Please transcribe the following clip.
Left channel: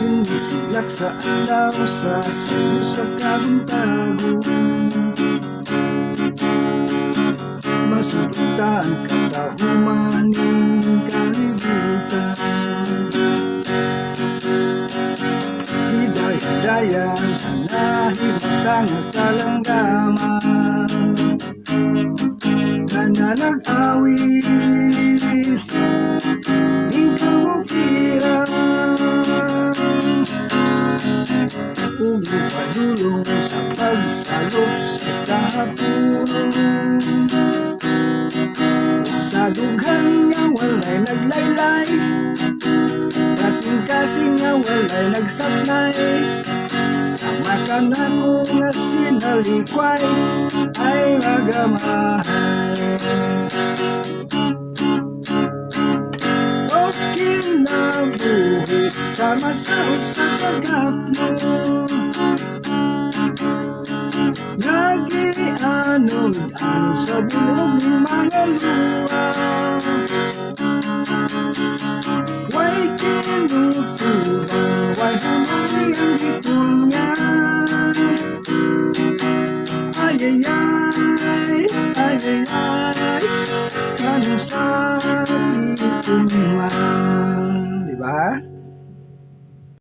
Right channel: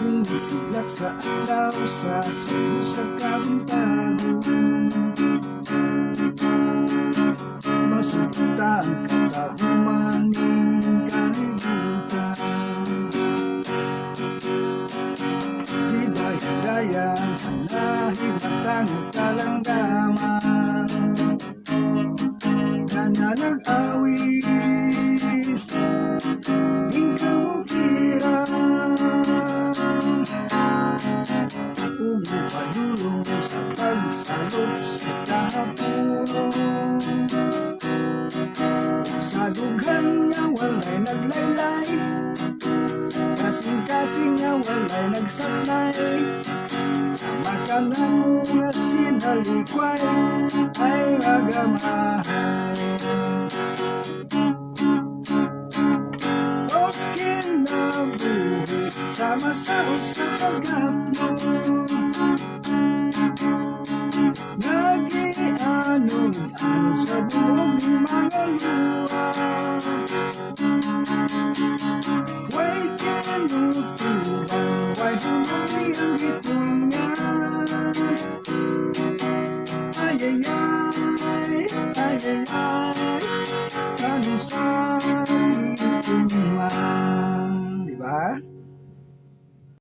Hindi siglak sa alaw sa sayo sa kabintago. Masulutan katahumaning kalibutan. Hidaya-dayan sa nahimatang at kalanggaman na nag-awit di kamukiran. Ugo padulong sa pagsalop sa kahapunan. Sa dughan nga walay naglaylay, sa kasing-kasing nga walay nagsablay. Sa makanako nga sinalikway ay magamahay. Okay na buhi sama-sao sa kagapno. Nag-ianod-anod sa buhog ng mga luwa. Way kinutubang, way hulunay ang gitungan. Ay-ay-ay, ay-ay-ay.